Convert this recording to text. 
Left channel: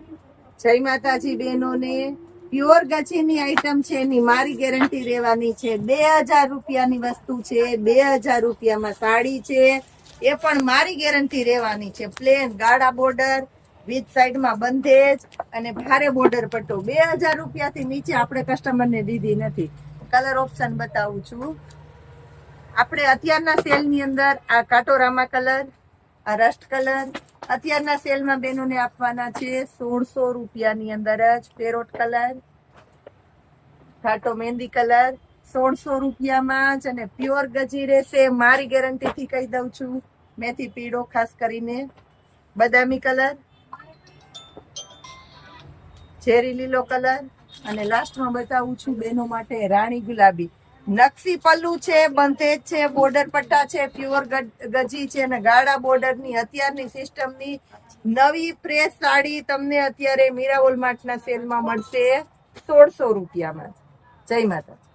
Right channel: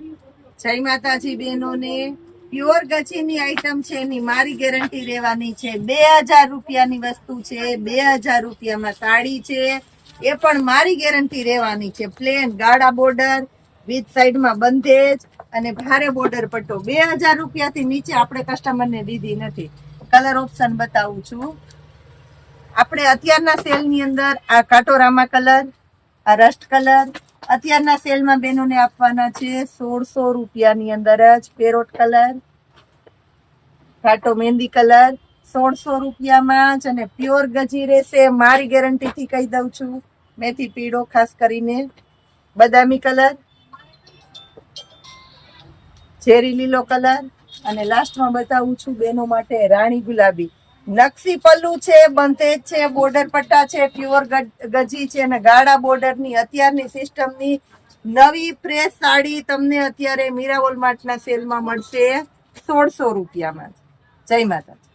જય માતાજી બહેનોને। પ્યોર ગચીની આઈટમ છે, એની મારી ગેરંટી રહેવાની છે। 2000 રૂપિયાની વસ્તુ છે, 2000 રૂપિયામાં સાડી છે, એ પણ મારી ગેરંટી રહેવાની છે। પ્લેન ગાળા બોર્ડર વિથ સાઈડમાં બંધેજ અને ભારે બોર્ડર પટ્ટો 2000 રૂપિયાથી નીચે આપણે કસ્ટમરને દીધી નથી। કલર ઓપ્શન બતાવું છું। આપણે અત્યારના સેલની અંદર આ કાટોરામા કલર, આ રસ્ટ કલર અત્યારના સેલમાં બેનોને આપવાના છે 1600 રૂપિયાની અંદર જ। પેરોટ કલર, ઘાટો મહેંદી કલર 1600 રૂપિયામાં જ અને પ્યોર ગજી રહેશે, મારી ગેરંટીથી કહી દઉં છું। મેથી પીળો ખાસ કરીને, બદામી કલર, ઝેરી લીલો કલર અને લાસ્ટમાં બતાવું છું બેનો માટે રાણી ગુલાબી। નકશી પલ્લુ છે, બંધેજ છે, બોર્ડર પટ્ટા છે, પ્યોર ગજી છે અને ગાળા બોર્ડરની અત્યારની સિસ્ટમની નવી ફ્રેશ સાડી તમને અત્યારે મીરા વોલમાર્ટના સેલમાં મળશે 1600 રૂપિયામાં। જય માતા।